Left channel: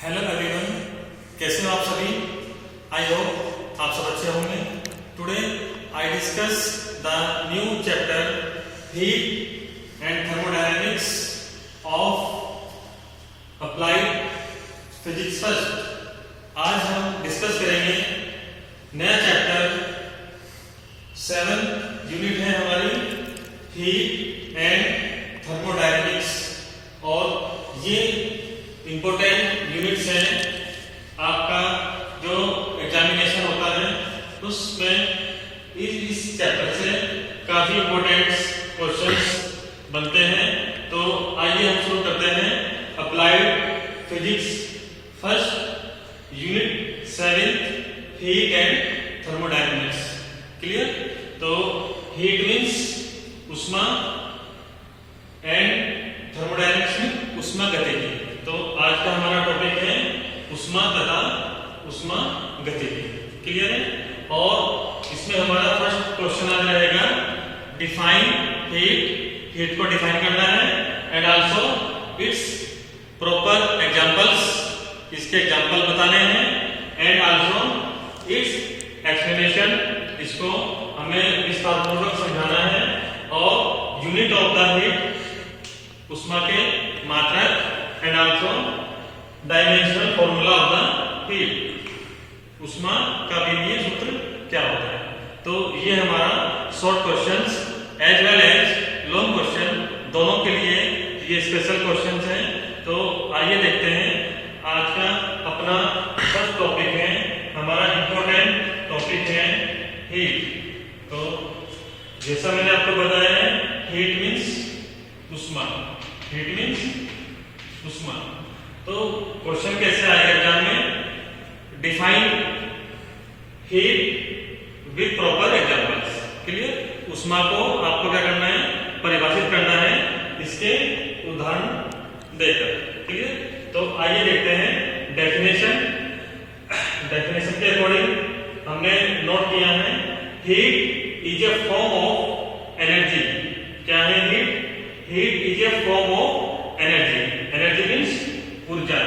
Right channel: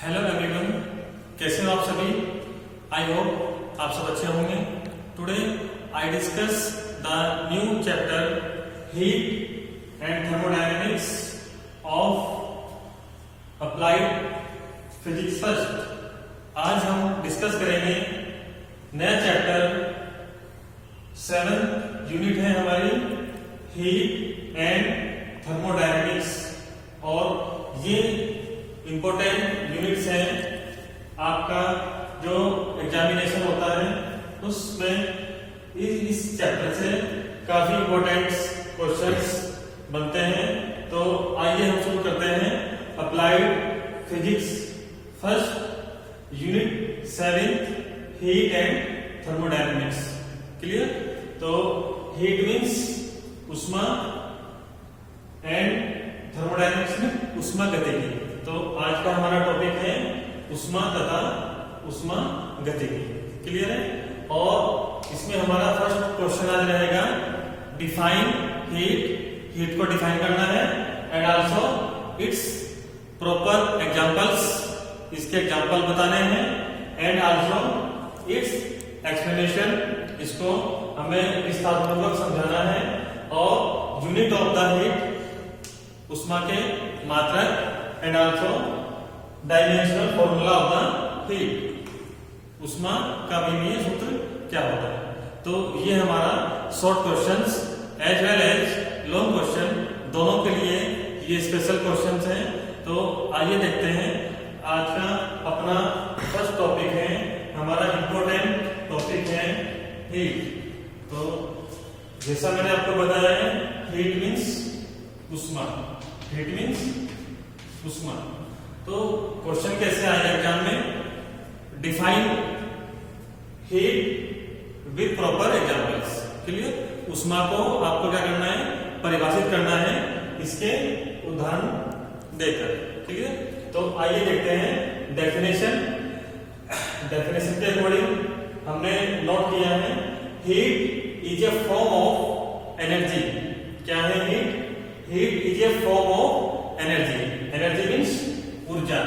Hello everyone, कैसे हो आप सभी। आई होप आप सब अच्छे होंगे। Today I discuss the new chapter heat and thermodynamics of applied physics first. आज हम डिस्कस करेंगे नया चैप्टर 7 यूनिट है हमारी हीट एंड थर्मोडायनेमिक्स, और ये इम्पोर्टेंट यूनिट्स हैं। आपका जो एग्जामिनेशन होता है उसमें इस चैप्टर से काफी इम्पोर्टेंट क्वेश्चंस बनते हैं। तो आइए हम शुरू करते हैं applied physics first unit 7 heat and thermodynamics. Clear. तो हीट मीन्स उष्मा एंड थर्मोडायनेमिक्स में उष्मा गतिकी। तो आज का हमारा टॉपिक है उष्मा तथा उष्मा गतिकी। क्लियर है। और इसमें हमारा फर्स्ट क्वेश्चन आज रहेगा डिफाइन हीट। हीट को डिफाइन करना है and also it's proper examples, इसके एग्जांपल बताने हैं एंड आल्सो इट्स एक्सप्लेनेशन, इसको हमें विस्तारपूर्वक समझाना है। और यूनिट ऑफ द हीट, उष्मा के मात्रक and also dimensional formula of the heat, उष्मा का विमीय सूत्र क्या होता है। तो ये हमारा short questions as well as long question दोनों के लिए ये स्पेशल क्वेश्चंस हैं। तो आइए देखते हैं आज का अपना फर्स्ट टॉपिक है, हमारा इंपॉर्टेंट टॉपिक है हीट। तो जैसा मैंने आपको बताया है हीट मीन्स उष्मा, हीट मीन्स उष्मा। तो क्वेश्चन कैसे आएगा एग्जाम में, define heat with proper examples. Clear. उष्मा को आपको क्या करना है, परिभाषित करना है इसके उदाहरण देकर। क्लियर। तो आइए देखते हैं डेफिनेशन। डेफिनेशन के अकॉर्डिंग हमने नोट किया है heat is a form of energy. क्या है heat? Heat is a form of energy. Energy means ऊर्जा,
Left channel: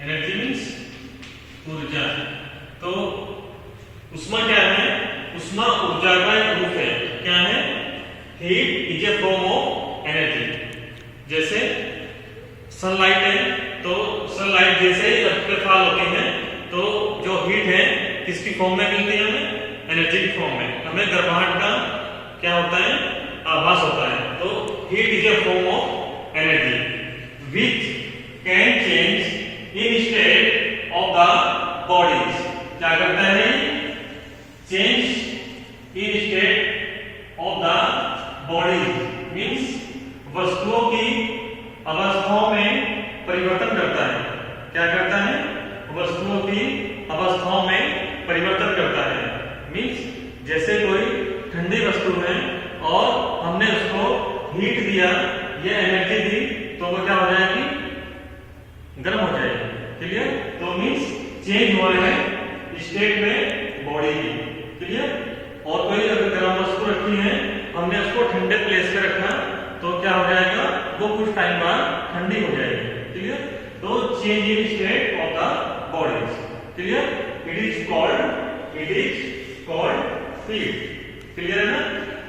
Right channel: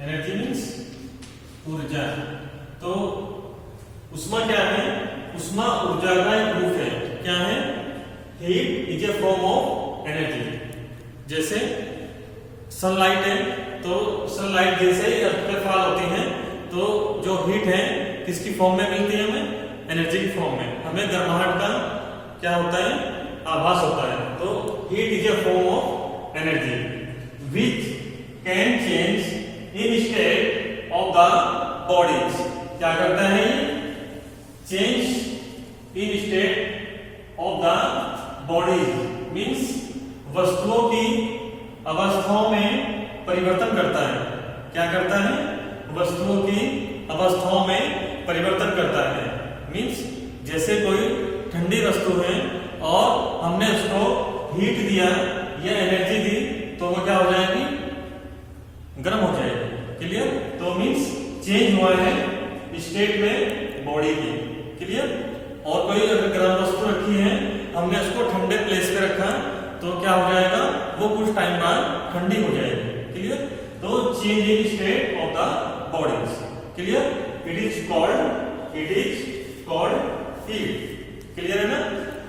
एनर्जी मीन्स ऊर्जा। तो उष्मा क्या है? उष्मा ऊर्जा का एक रूप है। क्या है? Heat is a form of energy. जैसे सनलाइट है, तो सनलाइट जैसे ही अर्थ होती है तो जो हीट है किसकी फॉर्म में मिलती है हमें? एनर्जी की फॉर्म में। हमें गर्माहट का क्या होता है? आभास होता है। तो heat is a form of energy which can change in state of the bodies। क्या करता है? Change in state of the bodies means वस्तुओं की अवस्थाओं में परिवर्तन करता है। क्या करता है? वस्तुओं की अवस्थाओं में परिवर्तन करता है। मीन्स जैसे कोई ठंडी वस्तु है और हमने उसको हीट दिया या एनर्जी दी तो वो क्या हो जाएगी? गर्म हो जाएगी। क्लियर। तो मीन्स चेंज हुआ है स्टेट में बॉडी की। क्लियर। और कोई अगर गर्म वस्तु रखी है, हमने उसको ठंडे प्लेस पे रखा तो क्या हो जाएगा? वो कुछ टाइम बाद ठंडी हो जाएगी। क्लियर। तो change in state of the bodies. Clear. It is called heat. Clear है ना।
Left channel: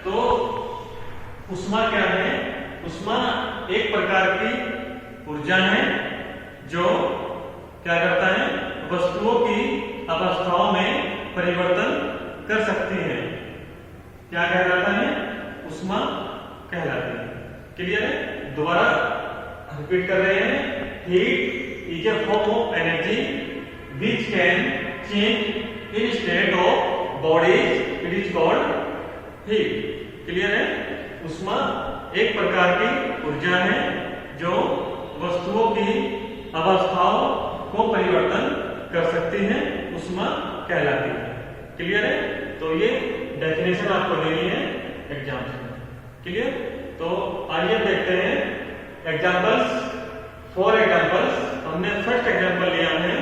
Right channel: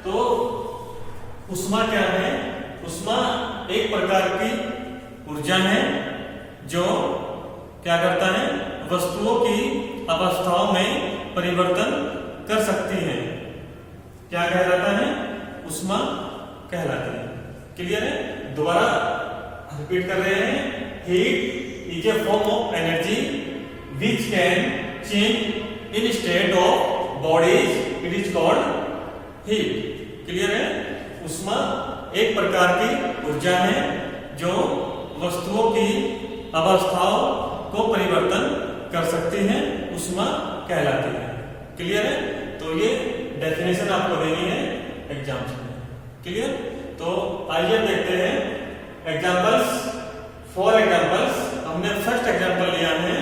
तो उष्मा क्या है? उष्मा एक प्रकार की ऊर्जा है जो क्या करता है? वस्तुओं की अवस्थाओं में परिवर्तन कर सकती है। क्या कहलाता है? उष्मा कहलाती है। क्लियर है। दोबारा रिपीट कर रहे हैं heat is a form of energy which can change in state of bodies, it is called heat. Clear है। उष्मा एक प्रकार की ऊर्जा है जो वस्तुओं की अवस्थाओं को परिवर्तन कर सकती है, उष्मा कहलाती है। क्लियर है। तो ये डेफिनेशन आपको देनी है एग्जाम्स में। क्लियर। तो आइए देखते हैं एग्जांपल्स। फॉर एग्जांपल्स हमने फर्स्ट एग्जांपल लिया है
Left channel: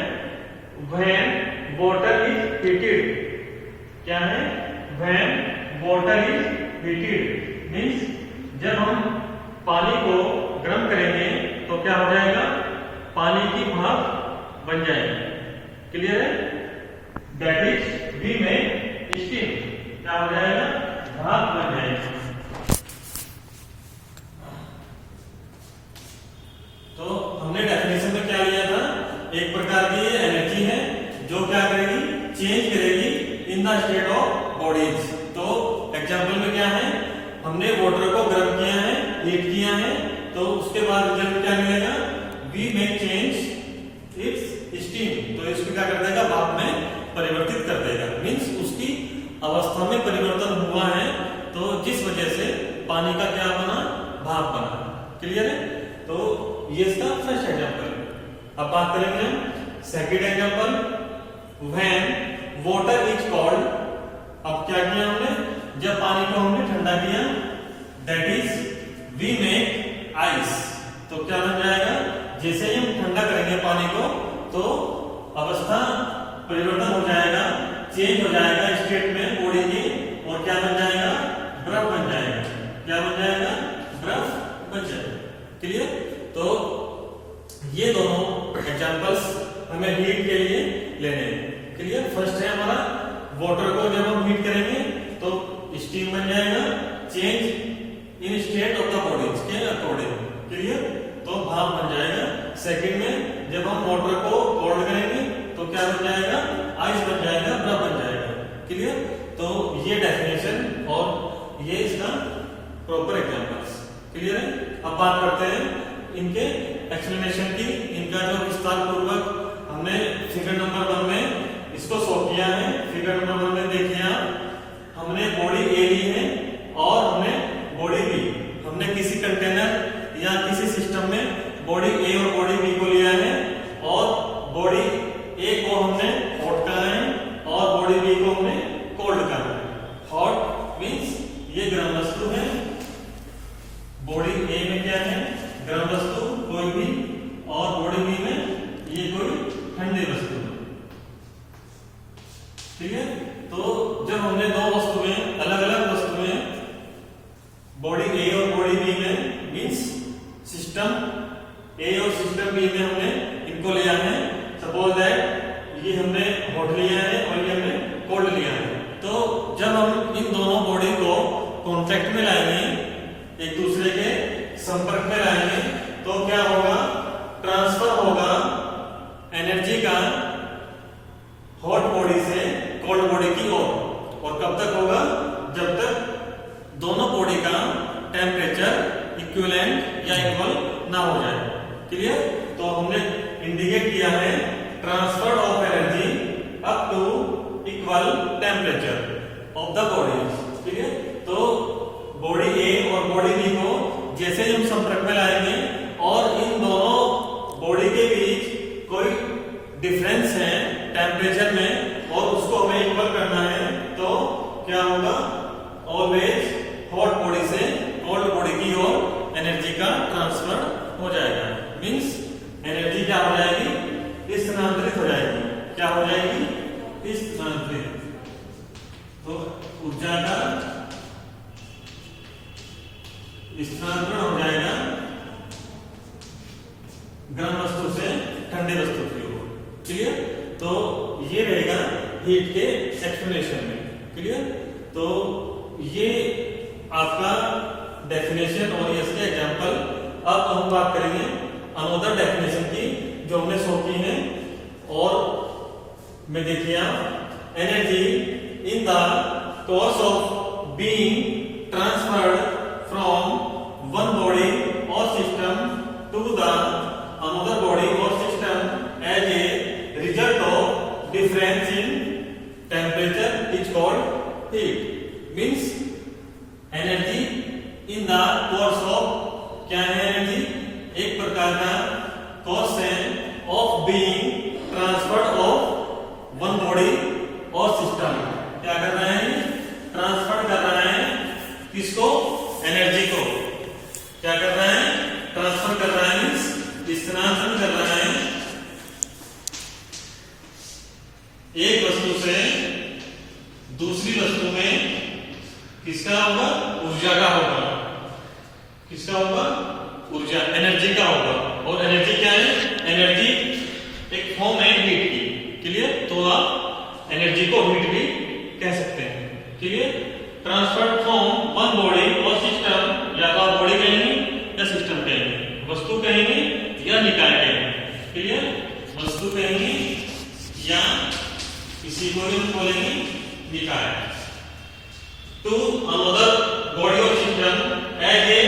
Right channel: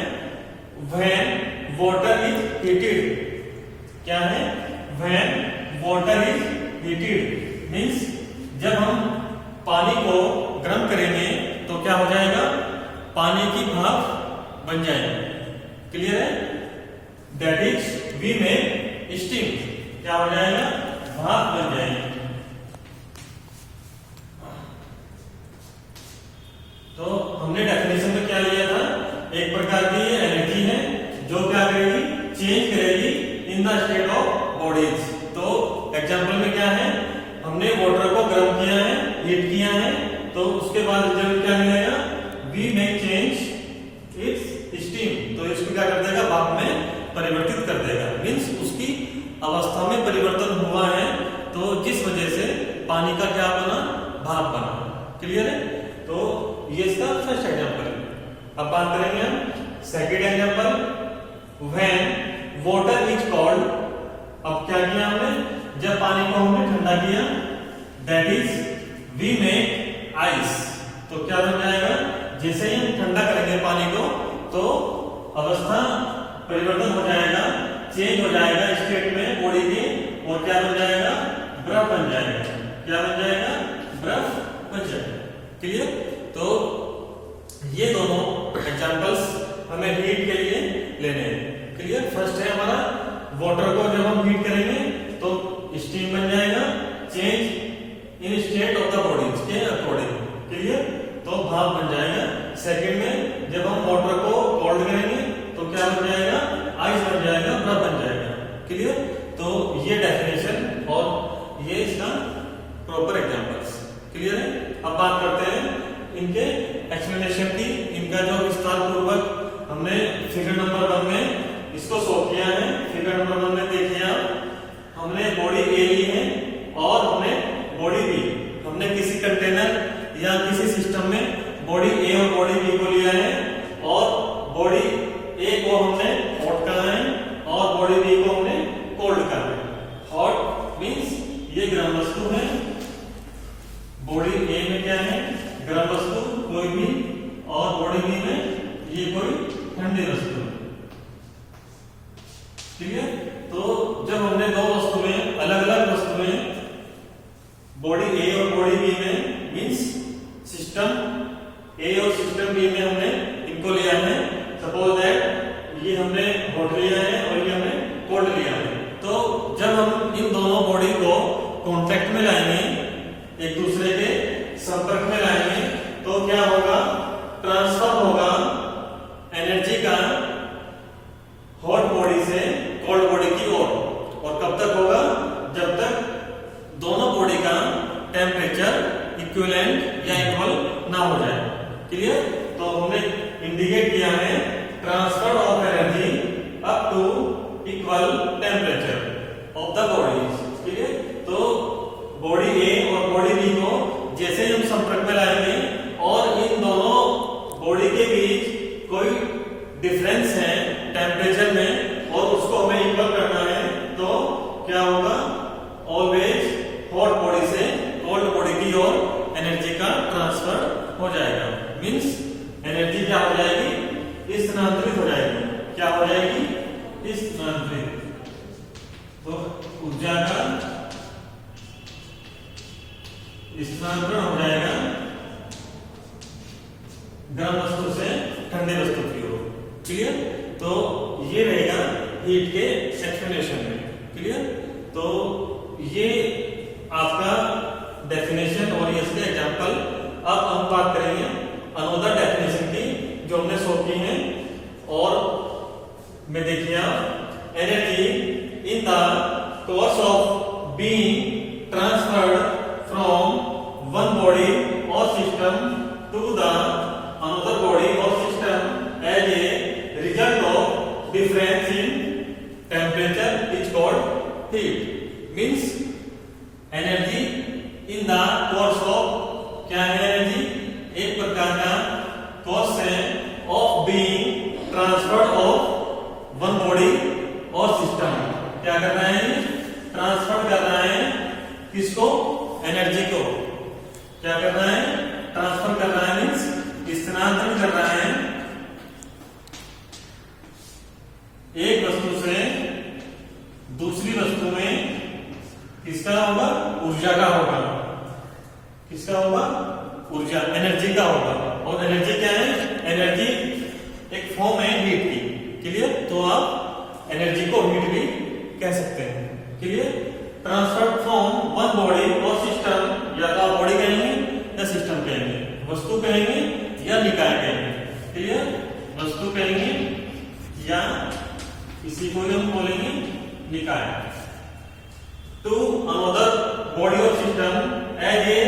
व्हेन वाटर इज हीटेड। क्या है? When water is heated means जब हम पानी को गर्म करेंगे तो क्या हो जाएगा? पानी की भाप बन जाएंगे। क्लियर है? दैट इज वी में स्टीम क्या हो जाएगा? भाप बन जाएगा। तो हमने डेफिनेशन में क्या लिया था? एक प्रकार की एनर्जी है जो क्या करेगी? चेंज करेगी in the state of bodies. तो एग्जांपल में क्या है? हमने वाटर को गर्म किया है, हीट किया है, तो उसके बाद रिजल्ट क्या मिलेगा? वी में चेंज इट्स स्टीम। तो इसको क्या कर देगा? भाप में परिवर्तित कर देगा। मीन्स उसकी अवस्था में परिवर्तन हुआ है, तो जिस वजह से पानी का क्या बना? भाप बना। क्लियर है? तो ये इसका फर्स्ट एग्जांपल है। अब बात करेंगे हम second example, when water is cold. अब क्या किया हमने? जब पानी को हमने ठंडा किया, that is we make ice. तो क्या बन जाएगा? जैसे ही हम ठंडा करेंगे पानी को, तो अवस्था परिवर्तन हो जाएगा, चेंज हो जाएगा स्टेट में बॉडी के, और क्या बन जाएगा? बर्फ बन जाएगा। क्या बन जाएगा? बर्फ बन जाएगा। क्लियर? तो ये दोनों एग्जांपल्स हमें हीट के लिए लेने हैं। क्लियर? फर्स्ट है हमारा वाटर को जब हम हीट करेंगे तो स्टीम बन जाएगा, change in state of the body के अकॉर्डिंग। क्लियर? तो भाप बन जाएगा। सेकंड में जब हम वाटर को कोल्ड करेंगे तो क्या बन जाएगा? आइस बन जाएगा, बर्फ बन जाएगा। क्लियर? तो ये डेफिनेशन और ये इसका प्रॉपर एग्जांपल्स। क्लियर है? अब बात करते हैं इनके एक्सप्लेनेशन की। इनका जो विस्तार पूर्वक हमने फिगर नंबर 1 में इसको शो किया है। फिगर नंबर 1 में देखिए आप, हमने बॉडी ए ली है और हमने बॉडी बी। हमने किसी कंटेनर या किसी सिस्टम में बॉडी ए और बॉडी बी को लिया है, और बॉडी ए को हमने हॉट कहा है और बॉडी बी को हमने कोल्ड कहा है। हॉट मीन्स ये गर्म वस्तु है, बॉडी ए में क्या है? गर्म वस्तु कोई भी, और बॉडी बी में ये कोई ठंडी वस्तु। ठीक है? तो जब हमने दो वस्तुएं, अलग अलग वस्तुएं बॉडी ए और बॉडी बी में, मीन्स सिस्टम ए और सिस्टम बी में हमने इनको लिया है। सपोज दैट ये हमने हॉट लिया है और ये हमने कोल्ड लिया है। तो जब हम इन दोनों बॉडी को कॉन्टैक्ट में लाएंगे, एक दूसरे के संपर्क में लाएंगे, तो क्या होगा? ट्रांसफर होगा एनर्जी का हॉट बॉडी से कोल्ड बॉडी की ओर। और कब तक होगा? जब तक दोनों बॉडी का टेम्परेचर इक्विवेलेंट या इक्वल ना हो जाए। क्लियर? तो हमने इंडिकेट किया है transfer of energy up to equal temperature of the body. Clear? तो बॉडी ए और बॉडी बी को जैसे ही हम संपर्क में लाएंगे और इन दोनों बॉडी के बीच कोई डिफरेंस है टेम्परेचर में और उसको हमें इक्वल करना है, तो क्या होगा? ऑलवेज हॉट बॉडी से कोल्ड बॉडी की ओर एनर्जी का ट्रांसफर हो जाएगा। मीन्स एनर्जी क्या हो जाएगी? स्थानांतरित हो जाएगी। क्या हो जाएगी? स्थानांतरित। तो ऊर्जा का स्थानांतरण हो जाएगा गर्म वस्तु से ठंडे वस्तु की ओर। क्लियर? तो ये रहेगा हीट के एक्सप्लेनेशन में। क्लियर? तो ये आपका डेफिनेशन और ये इसके एग्जांपल। अब हम बात करेंगे अनदर डेफिनेशन की जो हमने शो की है। और में देखिए आप, energy in the course of being transferred from one body और system to the another body और system as a result of difference in temperature is called heat. Means energy in the course of, क्या है energy? एक प्रकार का course है of being transferred of one body और system. क्या कर रहा है? ट्रांसफर कर रहा है किसको? एनर्जी को। क्या कर रहा है? ट्रांसफर कर रहा है, मीन्स स्थानांतरण कर रहा है एक वस्तु से दूसरी वस्तु में। किसका होगा? ऊर्जा का होगा। किसका होगा? ऊर्जा, एनर्जी का होगा। और एनर्जी क्या है? एनर्जी एक फॉर्म है हीट की। क्लियर? तो आप एनर्जी को हीट भी कह सकते हैं। Clear? Transfer from one body और सिस्टम, या तो आप बॉडी कहेंगे या सिस्टम कहेंगे, वस्तु कहेंगे या निकाय कहेंगे। क्लियर? वस्तु कहेंगे या इसी को हम बोलेंगे निकाय। टू अनदर बॉडी और system as a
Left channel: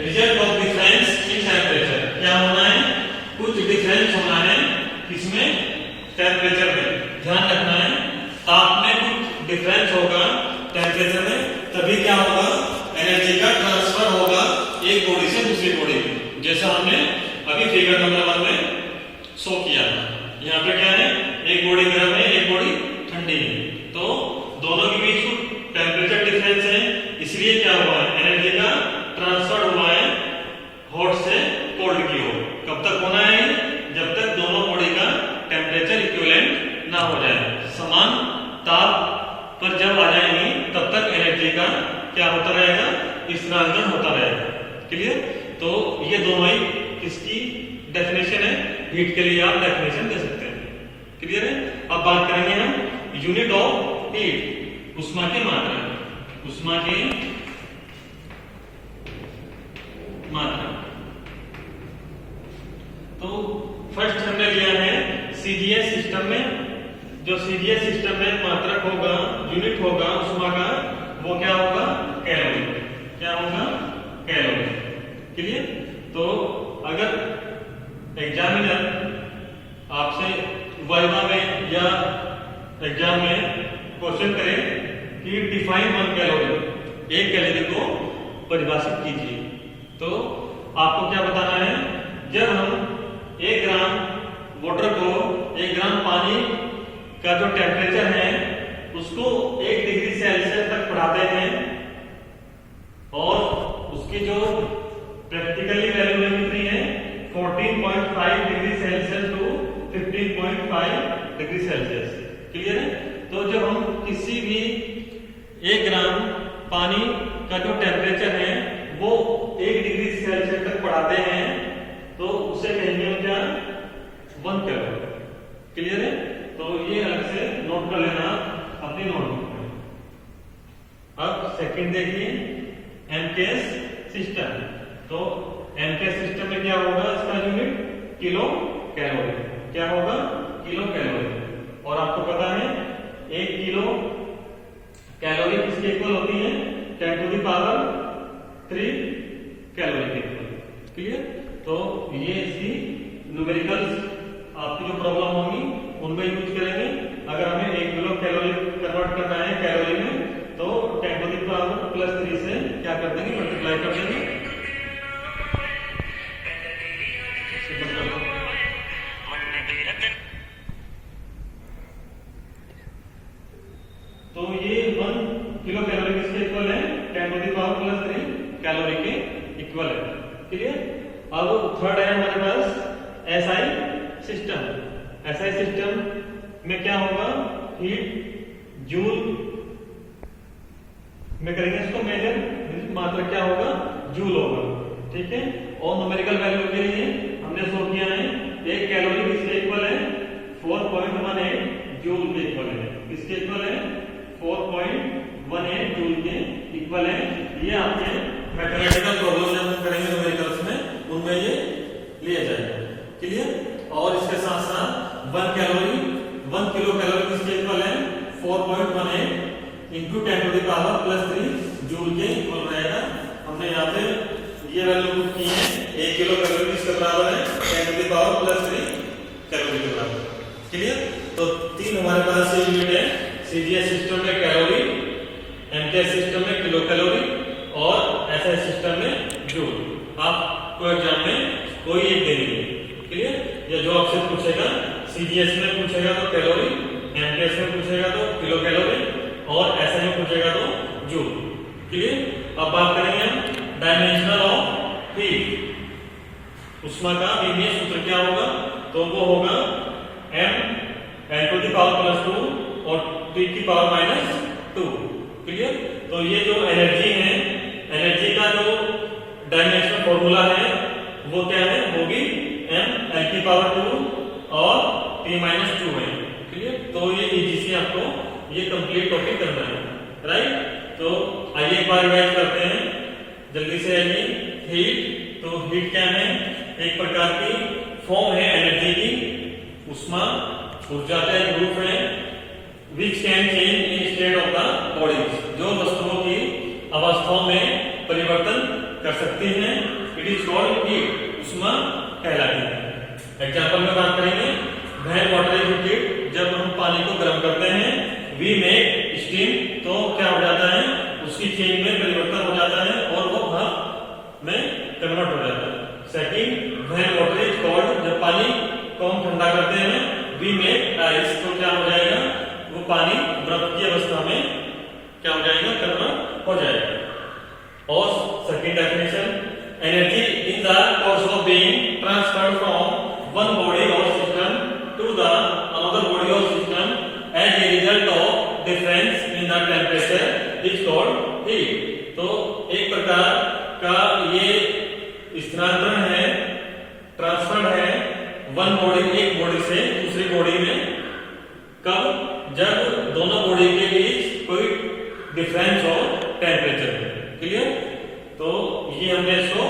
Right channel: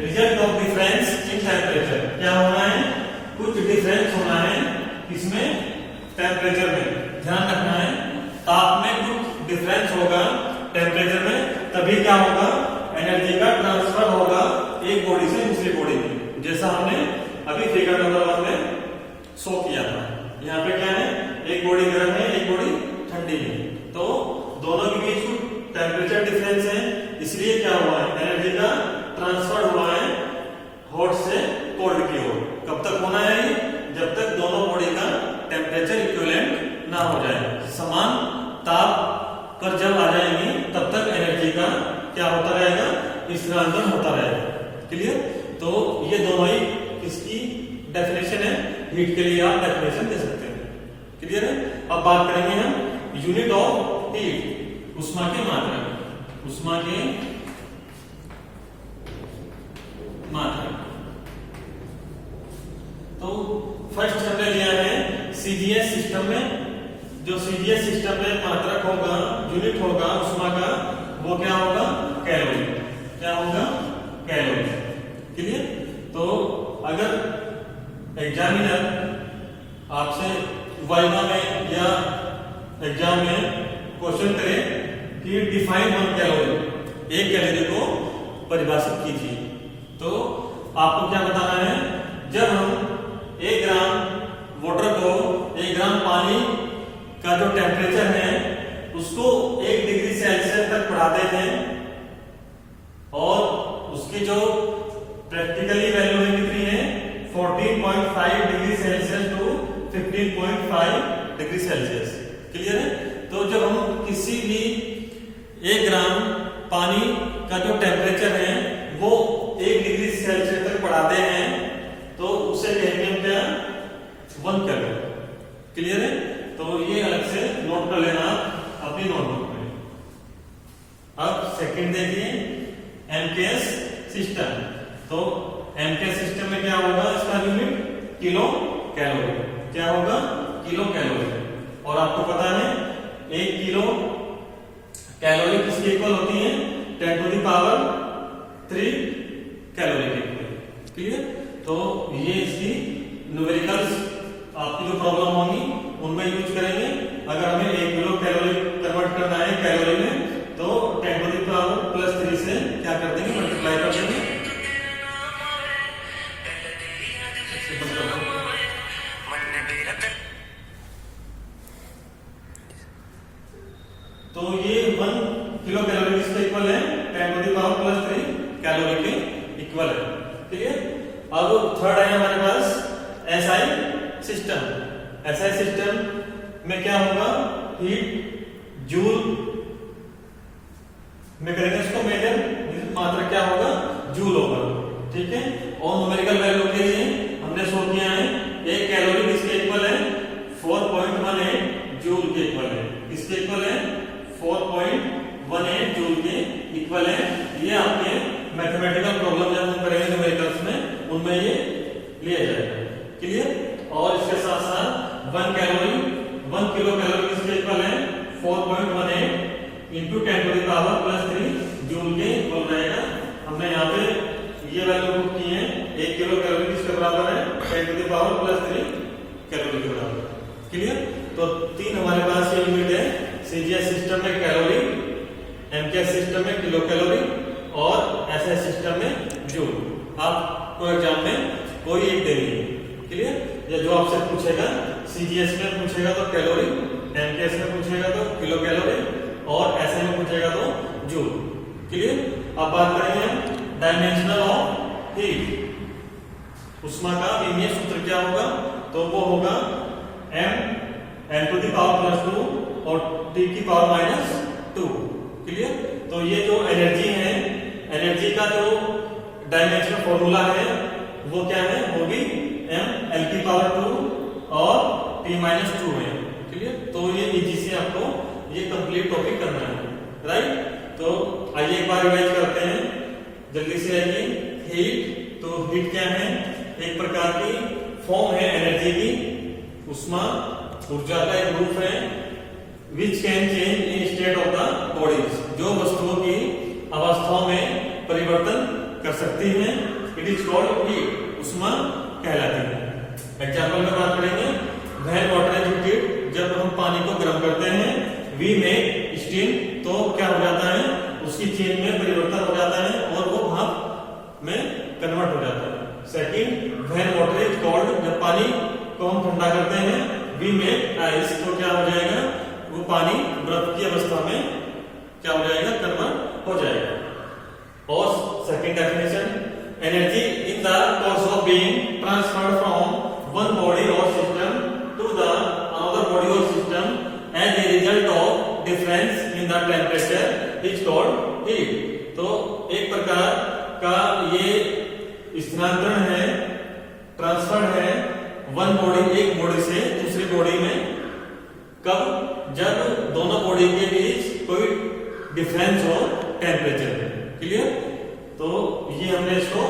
result of difference in temperature. क्या होना है? कुछ डिफरेंस होना है किसमें? टेम्परेचर में। ध्यान रखना है, ताप में कुछ डिफरेंस होगा टेम्परेचर में, तभी क्या होगा? एनर्जी का ट्रांसफर होगा एक बॉडी से दूसरी बॉडी में, जैसा हमने अभी फिगर नंबर 1 में शो किया था। यहाँ पे क्या है? एक बॉडी गर्म है, एक बॉडी ठंडी है, तो दोनों के बीच टेम्परेचर डिफरेंस है, इसलिए क्या हुआ है? एनर्जी का ट्रांसफर हुआ है हॉट से कोल्ड की ओर। कब तक होना है? जब तक दोनों बॉडी का टेम्परेचर इक्विवेलेंट ना हो जाए, समान ताप पर जब आ जाएंगे तब तक एनर्जी का क्या होता रहेगा? स्थानांतरण होता रहेगा। क्लियर? तो ये दोनों ही इसकी डेफिनेशन है, हीट के लिए आप डेफिनेशन दे सकते हैं। क्लियर है? अब बात करेंगे हम यूनिट ऑफ हीट, उष्मा की मात्रा। उष्मा की मात्रा। तो फर्स्ट हमने लिया है सीजीएस सिस्टम में। जो सीजीएस सिस्टम में मात्रक होगा, यूनिट होगा उष्मा का, वो क्या होगा? कैलोरी। क्या होगा? कैलोरी। क्लियर? तो अगर एग्जामिनर आपसे वाइवा में या एग्जाम में क्वेश्चन करे कि डिफाइन 1 कैलोरी, एक कैलोरी को परिभाषित कीजिए, तो आपको क्या बताना है? जब हम 1 ग्राम वाटर को 1 ग्राम पानी का जो टेम्परेचर है उसको 1 डिग्री सेल्सियस तक बढ़ाते हैं, और उसकी जो प्रैक्टिकली वैल्यू है कितनी है? 14.5 degree Celsius to 15.5 degree Celsius. Clear है? तो जब हम किसी भी 1 ग्राम पानी का जो टेम्परेचर है वो 1 डिग्री सेल्सियस तक बढ़ाते हैं, तो उसे कहेंगे हम क्या? 1 कैलोरी। क्लियर है? तो ये अलग से नोट कर लेना अपनी नोटबुक में। अब सेकंड देखिए एमकेएस सिस्टम। तो एमकेएस सिस्टम में क्या होगा? इसका यूनिट किलो कैलोरी। क्या होगा? Kilo calorie. और आपको पता है 1 किलो कैलोरी किसके इक्वल होती है? 10 टू द पावर 3 कैलोरी के इक्वल। क्लियर? तो ये इसकी न्यूमेरिकल्स आपकी जो प्रॉब्लम होंगी उनमें यूज करेंगे। अगर हमें 1 किलो कैलोरी कन्वर्ट करना है कैलोरी में, तो 10 टू द पावर +3 से क्या कर देंगे? मल्टीप्लाई कर देंगे। तो ये 1 किलो कैलोरी किसके इक्वल है? 10 टू द पावर +3 कैलोरी के इक्वल है। ठीक है? अब थर्ड है हमारे पास एसआई सिस्टम। एसआई सिस्टम में क्या होगा? हीट जूल में करेंगे इसको मेजर, मात्रा क्या होगा? जूल होगा। ठीक है? और न्यूमेरिकल वैल्यू के लिए हमने शो किया है 1 कैलोरी किसके इक्वल है? 4.18 जूल के इक्वल है। किसके इक्वल है? 4.18 जूल के इक्वल है। ये आपके मैथमेटिकल प्रॉब्लम जब हम करेंगे न्यूमेरिकल्स में, उनमें ये लिया जाएगा। क्लियर? और इसके साथ साथ 1 कैलोरी 1 किलो कैलोरी किसके इक्वल है? 4.18 into 10 to the power +3 joule के इक्वल रहेगा। हमने यहाँ पे ये वैल्यू पुट की है। 1 किलो कैलोरी किसके बराबर है? 10 टू द पावर +3 कैलोरी के बराबर। क्लियर? तो 3 हमारे पास यूनिट है। सीजीएस सिस्टम में कैलोरी, एमकेएस सिस्टम में किलो कैलोरी, और एसआई सिस्टम में जूल। आपको एग्जाम में कोई एक देंगे। क्लियर? या जो आपसे पूछेगा सीजीएस में पूछेगा तो कैलोरी, एमकेएस में पूछेगा तो किलो कैलोरी, और एसआई में पूछेगा तो जूल। क्लियर? अब बात करेंगे डायमेंशनल ऑफ हीट। उष्मा का विमीय सूत्र क्या होगा? तो वो होगा m n to the power +2 और t की पावर -2। क्लियर? तो ये जो एनर्जी है, एनर्जी का जो डायमेंशनल फॉर्मूला है वो क्या है? होगी m l की पावर 2 और T-2 है। क्लियर? तो ये इजी से आपको ये कंप्लीट टॉपिक करना है, राइट? तो आइए एक बार रिवाइज करते हैं, जल्दी से आइए। हीट, तो हीट क्या है? एक प्रकार की फॉर्म है एनर्जी की, ऊष्मा ऊर्जा का एक रूप है, which can change in state of the body, जो वस्तुओं की अवस्थाओं में परिवर्तन कर सकती है। इट इज कॉल्ड हीट, ऊष्मा कहलाती है। एग्जाम्पल में बात करेंगे, व्हेन वाटर इज हीटेड, जब हम पानी को गर्म करते हैं, वी मेक स्टीम, तो क्या हो जाता है? उसकी चेंज में परिवर्तन हो जाता है और वो भाप में कन्वर्ट हो जाता है। Second, when water is cold, जब पानी को हम ठंडा करते हैं, वी मेक आइस, तो क्या हो जाएगा? वो पानी बर्फ की अवस्था में क्या हो जाएगा? कन्वर्ट हो जाएगा। और second definition, energy in the course of being transferred from one body और system to the another body और system as a result of difference in the temperature is called heat. तो एक प्रकार का ये स्थानांतरण है, ट्रांसफर है वन बॉडी, एक बॉडी से दूसरी बॉडी में, कब? जब दोनों बॉडी के बीच कोई डिफरेंस हो टेम्परेचर में। क्लियर? तो ये हमने इसको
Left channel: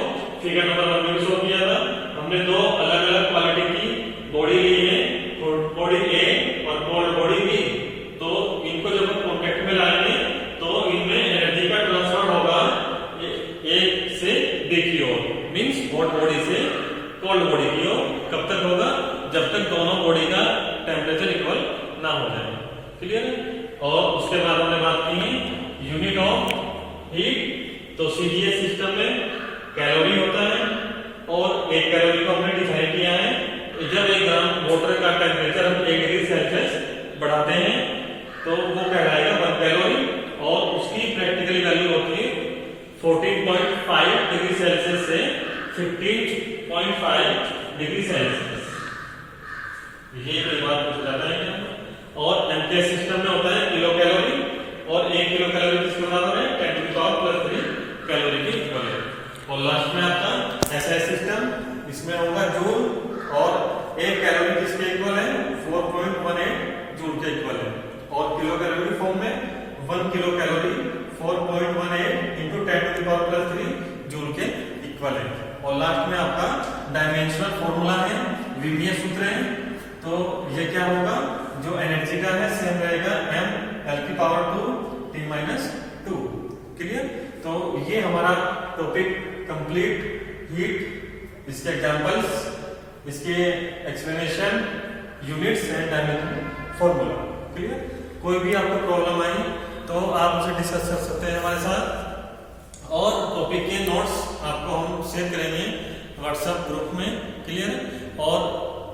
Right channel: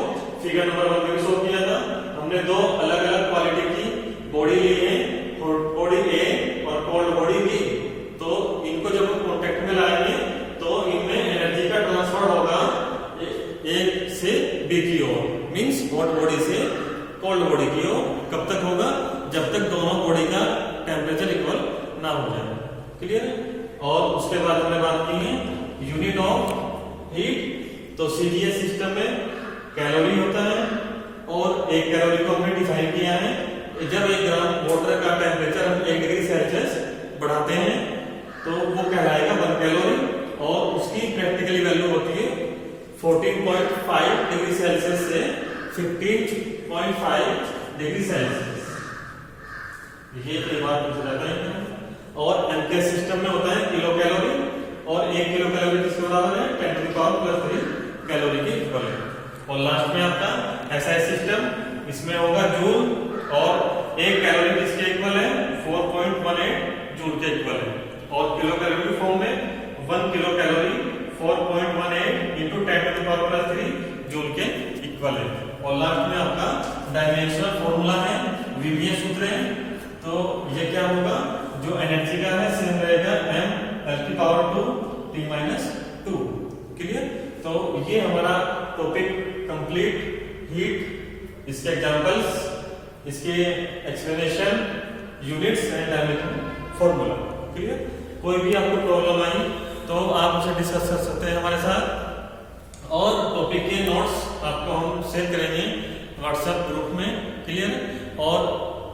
फिगर नंबर 1 में शो किया था। हमने दो अलग अलग क्वालिटी की बॉडी ली है, बॉडी ए और कोल्ड बॉडी बी। तो इनको जब कॉन्टेक्ट में लाएंगे तो इनमें एनर्जी का ट्रांसफर होगा एक से बी की ओर, मींस हॉट बॉडी से कोल्ड बॉडी की ओर। कब तक होगा? जब तक दोनों बॉडी का टेम्परेचर इक्वल ना हो जाए। क्लियर? और उसके बाद हमने बात की है यूनिट ऑफ हीट, तो सीडीएस सिस्टम में कैलोरी होता है और एक कैलोरी को हमने डिफाइन किया है, जब 1 ग्राम वाटर का टेम्परेचर हम 1 डिग्री सेल्सियस बढ़ाते हैं तो वो कहलाएगा 1 कैलोरी, और उसकी प्रैक्टिकली वैल्यू होती है 14.5 डिग्री सेल्सियस से 15.5 डिग्री सेल्सियस। ये कई बार पूछा जाता है। और एमकेएस सिस्टम में होता है किलो कैलोरी, और 1 किलो कैलोरी किसके बराबर है? 10 टू द पावर +3 कैलोरी के इक्वल है। और लास्ट में आपका एसआई सिस्टम, इसमें होगा जूल, और 1 कैलोरी किसके इक्वल है? 4.18 जूल के इक्वल है। और किलो कैलोरी फॉर्म में 1 kilo calorie 4.18 into 10 to the power +3 joule के इक्वल है। और लास्ट में आपका डायमेंशनल फॉर्मूला है, वीबीए सूत्र है। तो ये क्या होगा? जो एनर्जी का है सेम रहेगा m(L)⁻²T-2। क्लियर? तो ये हमारा टॉपिक कंप्लीट, हीट, इसके एग्जांपल्स, इसके explanation, units and dimensional formula. Clear? कोई भी आपको प्रॉब्लम आई तो आप उसे डिस्कस कर सकते हैं हमारे साथ, और टॉपिक के नोट्स आपको हम शेयर करेंगे व्हाट्सएप ग्रुप में। क्लियर? और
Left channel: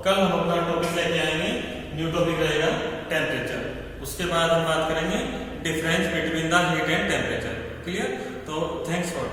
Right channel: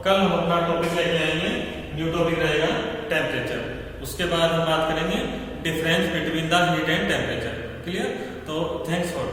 कल हम अपना टॉपिक लेके आएंगे, न्यू टॉपिक रहेगा टेम्परेचर। उसके बाद हम बात करेंगे difference between the heat and temperature. Clear? तो थैंक्स फॉर